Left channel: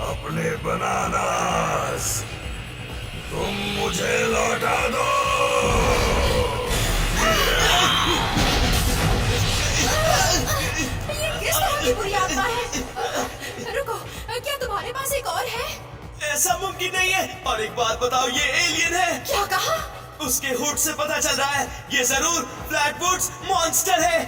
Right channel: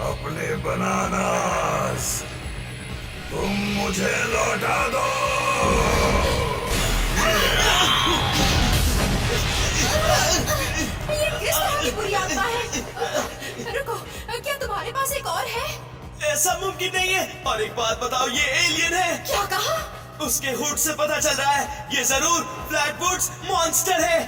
अपने बनानास तुम मुझे लौटा दो। ये किस तरह की बुरी आत्मा है? रुको, क्या तुम्हारे पास एक और है? ऐसा मुमकिन नहीं है। और एक बात बताओ, ये एलियन है। क्या कहा? उसके हुड से पता चल रहा है ये जरूर फ्लैटवुड्स मॉन्स्टर है।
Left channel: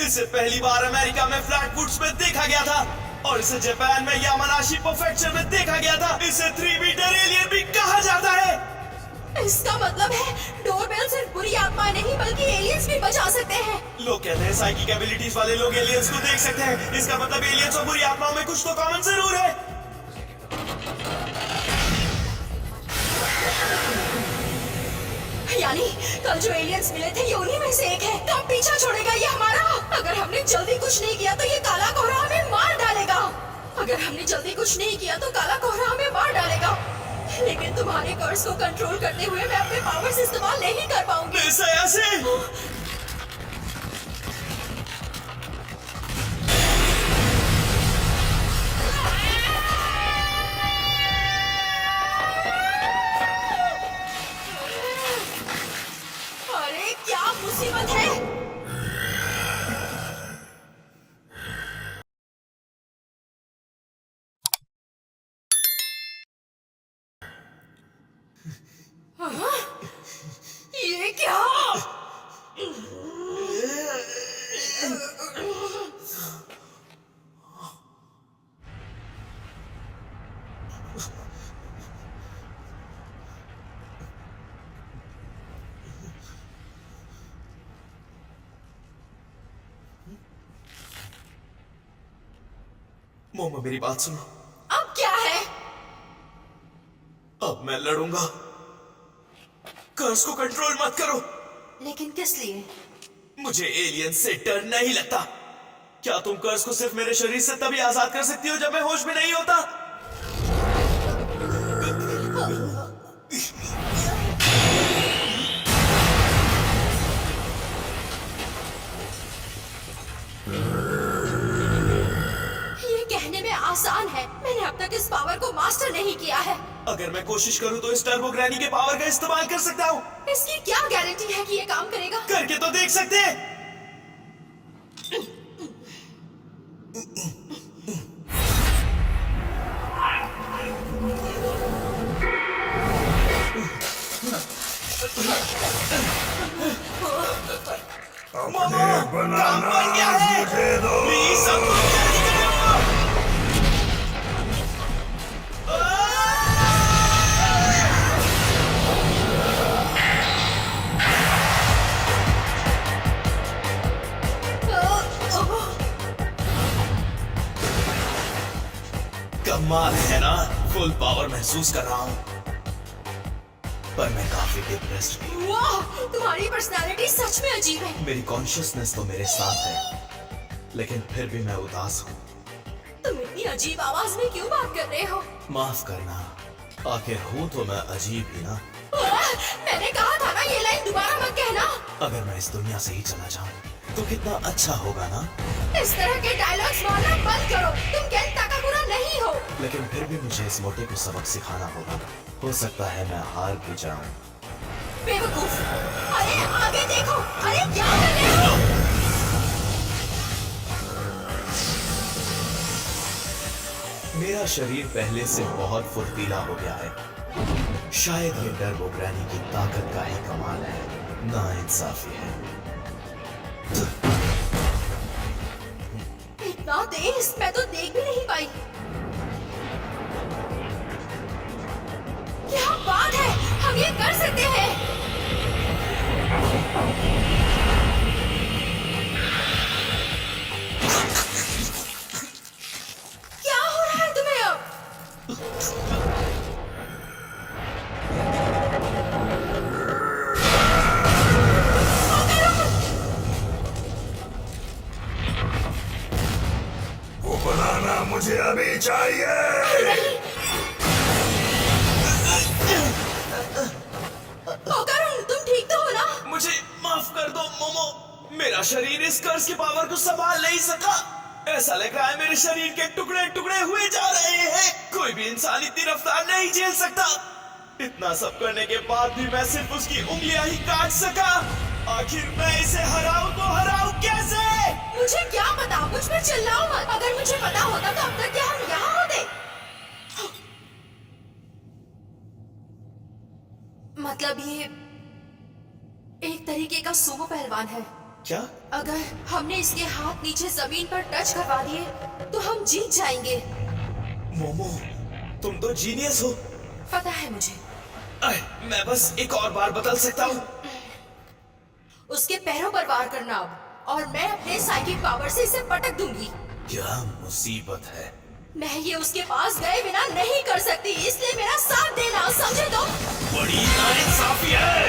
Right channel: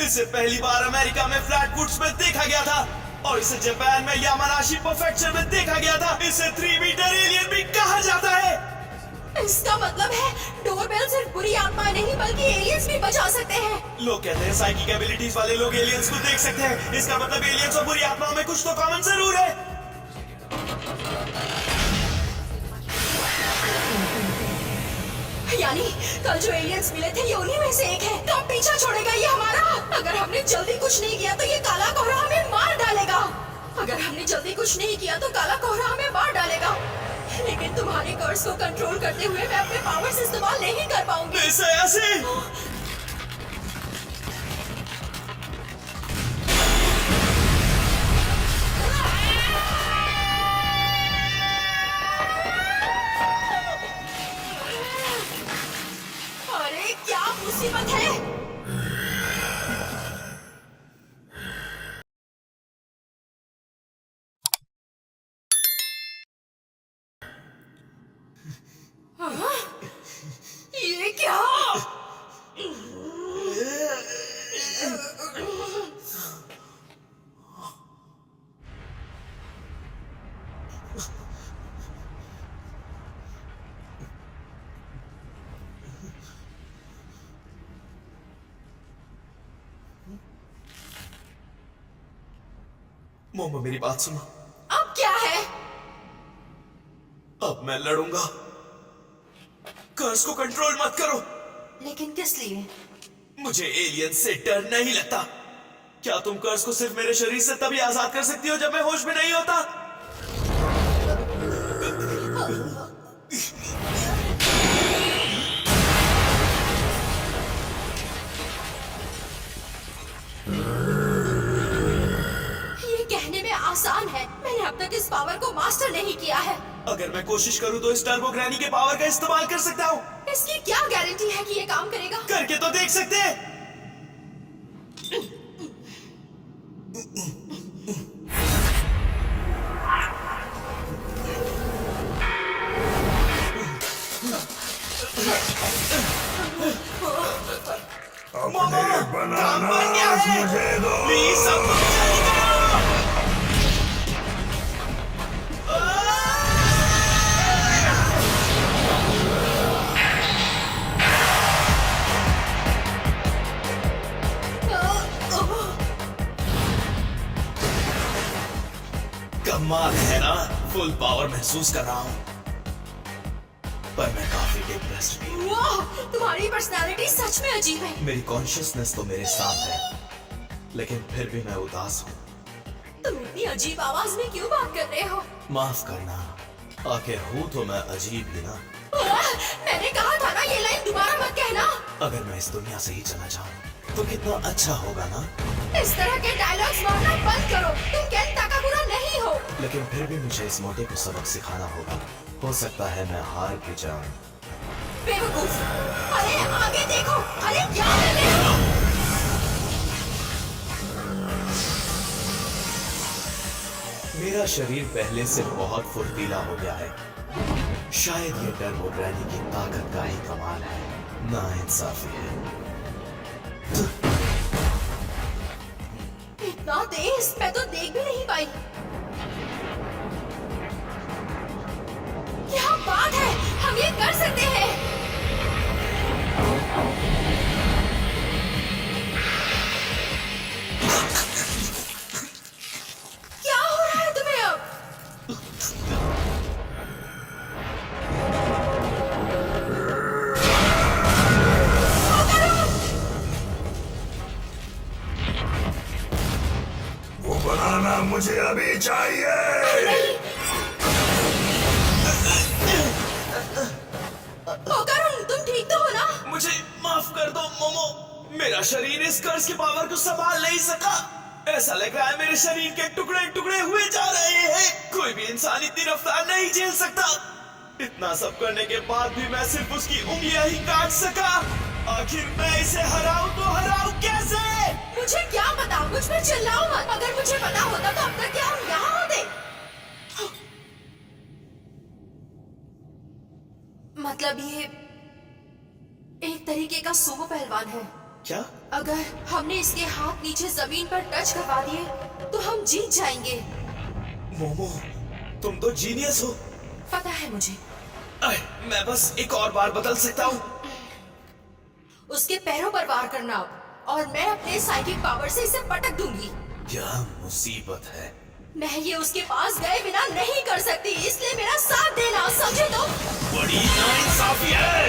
इसे पहली बार अमेरिका में फ्लैटवुड्स में देखा गया था और इसे जापान में यामानाशी प्रीफेक्चर में देखा गया था। इसे 3 मीटर एलियन भी कहा जाता है। इसका मतलब है डोरबेल सिर्फ बुरी आत्मा नहीं बल्कि एलियंस भी बचा सकते हैं। लोग कहते हैं साइकिक एबिलिटीज वाले लोग एलियंस को देख सकते हैं। इसका मतलब एलियंस और बुरी आत्माओं में कुछ तो कॉमन जरूर है। यानी कल जो एलियंस मिले थे ये उन्हीं में से एक है। कब पीछा छोड़ेगा ये हमारा? अगर हमने जल्दी कुछ नहीं किया तो ये काला कोहरा हमें मार डालेगा। अगर हमने जल्दी कुछ नहीं किया तो काला कोहरा हमें मार डालेगा। लेकिन तुम्हारे कर्स को कंट्रोल करते हुए मैं अपने पावर्स इस्तेमाल नहीं कर पाऊंगी। ऐसे अरे क्या मुसीबत है? ये क्या? मोमो मेरी बात सुनो। अब क्या है? अब मैं लड़ूंगा। कर्स को कंट्रोल मत करो। लेकिन किस लिए? मुझे एलियन से डर नहीं लगता। क्या तुम कर्स को सिर्फ मेरे शरीर से तभी आजाद कर सकती हो जब मैं होश में नहीं होता? ये कहने में आसान है। मैंने अब तक इस पावर को मास्टर नहीं किया है। अगर मैं कोशिश करूं तो इस टर्बो ग्रैनी के पावर का इस्तेमाल कर सकता हूं। इसकी क्या गारंटी है कि ये काम करेगा? करके तो देख सकते हैं। अपने बनानास मुझे दो। प्लीज अब तुम जल्दी करो। कमाल है ना, फुल पावर महसूस कर रहा हूं, पर मैं काफी डिप्रेस्ड भी हूं। वाह, तुम्हारी पर्सनालिटी सच में अजीब है। मेरी कॉन्शियसनेस तो मेरे साथ है, लेकिन फिर भी मैं उदास हूं। तुम इतनी अजीब आवाज में क्यों बात कर रहे हो? माफ करना, आखिर हूं तो मैं अजीब ही ना। मैंने कहा था ना ये लाइन दोबारा मत कहना। अगर मैं इस दुनिया से ही चला जाऊं तो कितना अच्छा होगा ना। इस तरह के डायलॉग्स मारना बंद करो। तुम केन ताकामुरा नहीं हो। लेकिन फिर भी मुझे इस मोटे को सबक सिखाना होगा। हो सकता है मैं हार भी जाऊं। बेवकूफ। अरे आगे देखो। अरे क्या कर रहे हो? मेरा शरीर पहले से बहुत फुर्तीला हो गया है। शायद ये टर्बो ग्रैनी की ताकत का ही कमाल है। नाइंसाफी है। इतना तेज मैं तो देख भी नहीं पाई। क्या बात है, हम ये कर सकते हैं। क्या हो रहा है तुम्हें अब? मुझे अभी चाहिए। नहीं। ओ करुण, तुम ठीक तो हो ना? मुझे माफ कर दो मोमो, मेरा शरीर इस कर्ज की पावर को संभाल नहीं सका। ऐसा लग रहा है मेरे शरीर के टुकड़े टुकड़े हुए जा रहे हैं। कोई भी इंसान इतनी रफ्तार नहीं झेल सकता। इतना सब करने के बाद भी मैं सिर्फ उसकी उंगलियां ही काट सका। आखिर मैं इसे हराऊं तो हराऊं कैसे? मुझे क्या पता, मुझ पर चिल्लाओ मत। अगर मुझे पता होता तो अब तक क्या हम यहाँ होते? मतलब ये एक तरीके का सुमो पहलवान है। क्या? अगर हमने इसके हाथ नीचे जमीन पर टच करवा दिए तो हम जीत जाएंगे। मोमो, तुम तो जीनियस हो। पता है मुझे। मैं बस एक और बार बदल सकता हूँ। उसके पैरों पर वार करना अब, और मैं अपने साइकिक पावर से इसे पटक दूंगी। क्या मुसीबत है? मैं ये उसके पास गए बिना नहीं कर सकती, इसलिए मेरा साथ देना, समझे तुम? बड़ी नाइंसाफी है।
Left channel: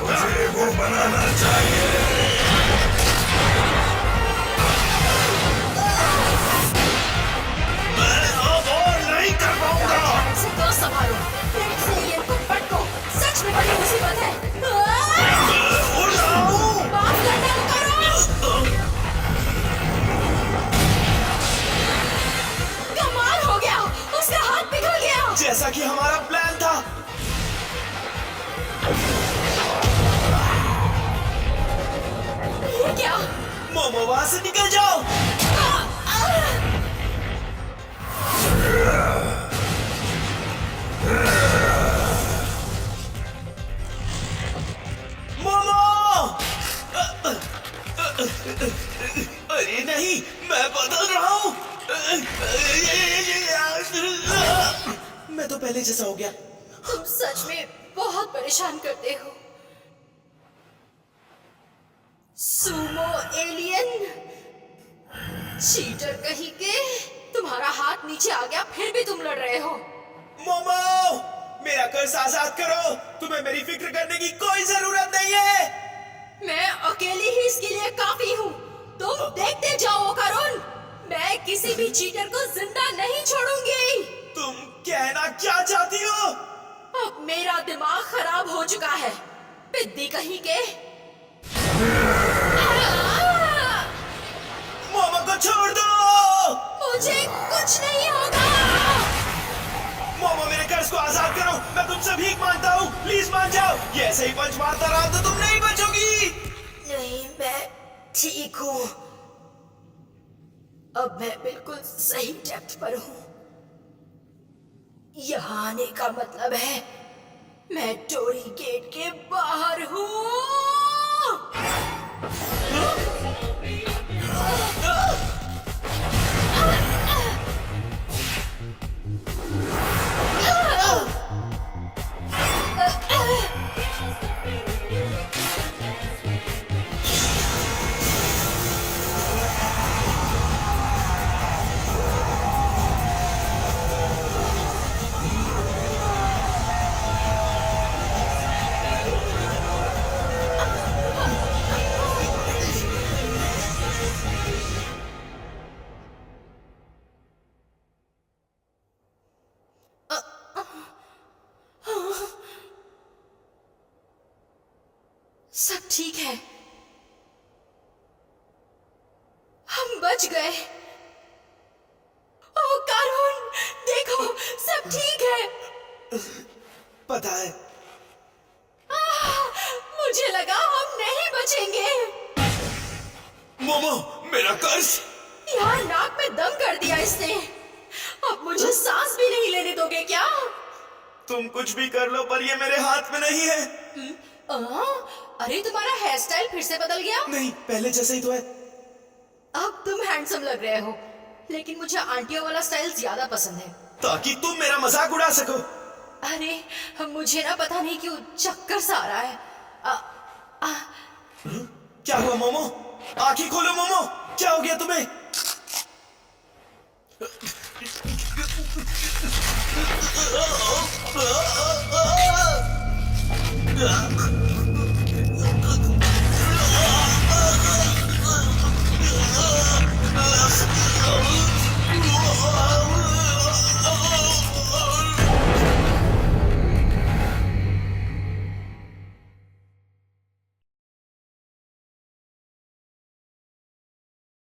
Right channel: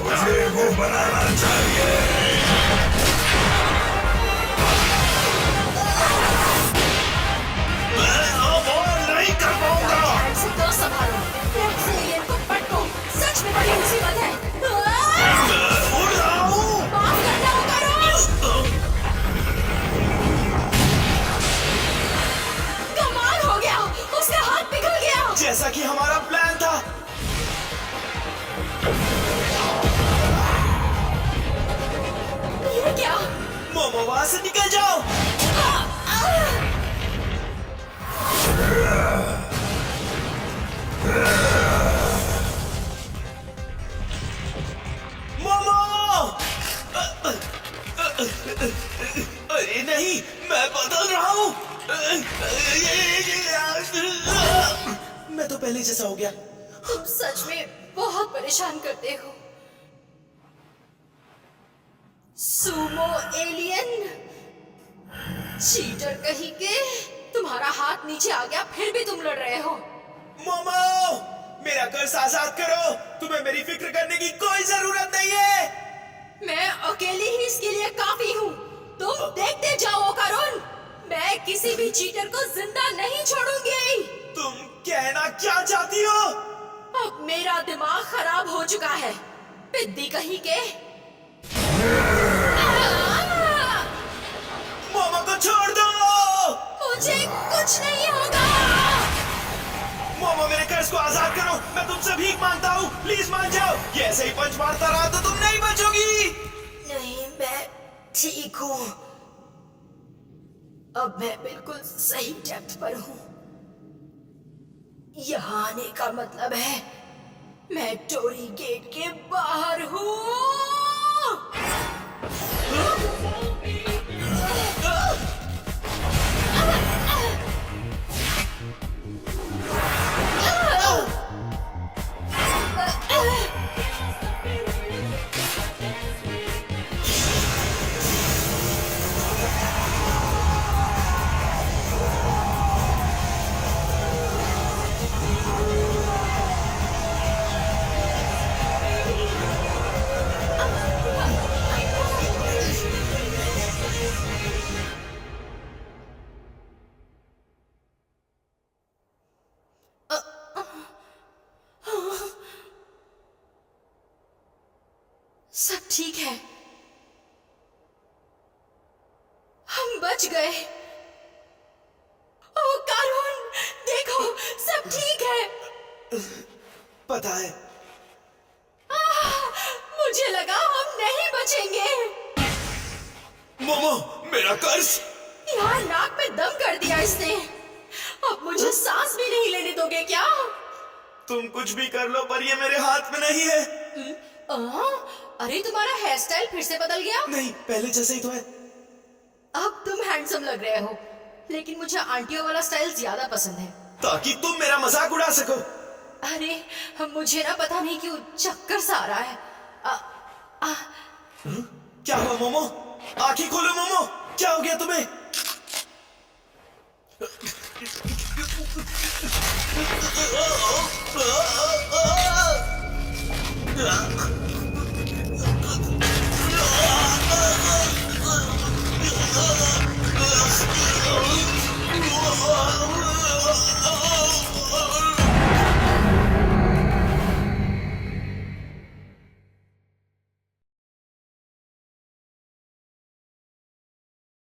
मुझे वो बनाना चाहिए। मैं अब और नहीं कर पाऊंगा। राइट हैंड से कर्व संभालो, लेफ्ट से एलियन को पटको। सच में बड़ी मुसीबत है। मैं उड़ रहा हूँ। माफ करना करो। कमाल हो गया, उसका हाथ पिघल गया। जैसा कि हमारा प्लान था। ये क्या? मोमो, वहां से निकल जाओ। मोमो! अरे नहीं, मैं बदल रहा हूँ। मैं तो पहले जैसा हो गया। तुम सच में बहुत परेशान करते हो। सुमो एलियन, चीटर कहीं के। तुम्हारा हाथ नीचे आ गया, फिर भी तुम लड़ रहे हो। मोमो, मेरा कर्ज आजाद करो। तुम्हें मेरी फिक्र करने की कोई जरूरत नहीं है। मैं अकेली ही इसके लिए काफी हूँ। तुम देखते जाओ करुण, मैं किसी भी चीटर को जिंदा नहीं छोड़ूंगी। तुम कहना क्या चाहती हो? अब मेरा दिमाग खराब हो चुका है, पिद्दी कहीं के। मोमो को छोड़ दो। मुझे कुछ नहीं होगा। मोमो, मेरे कर्ज को आजाद करो। मैं तुमसे भीख मांगता हूँ, प्लीज मान जाओ। ये ऐसे ही पंच मारता रहा तो तुम नहीं बचोगी। नहीं, मैं ठीक हूँ। अब मैं बिल्कुल सही डेप्थ पर हूँ। यहाँ आने का मतलब है मैं टोरी गेट के बाहर हूँ। सब ठीक है, हम बच गए। ओ करुण, देखो सब ठीक है। पता है, मुझे लगा हम नहीं बचेंगे। मोमो, मेरा कर्ज। यार, नाक में दम कर दिया इसने। अब मुझे सांस भी नहीं लेने दोगे क्या? तुम कुछ भी कर लो, पर ये मेरे हाथ में नहीं है। अरे, तुम्हारा हेयर स्टाइल फिर से बदल गया। नहीं, पहले जैसा ही तो है। अब तुम हैंडसम लग रहे हो, लेकिन मुझे आंटियों वाला स्टाइल ज्यादा पसंद है। ताकि तुम मेरा मजाक उड़ा सको। अरे, मुझे ना पता नहीं क्यों चक्कर सा आ रहा है। क्या हुआ मोमो? आंखें खोलो मोमो, क्या हो गया तुम्हें?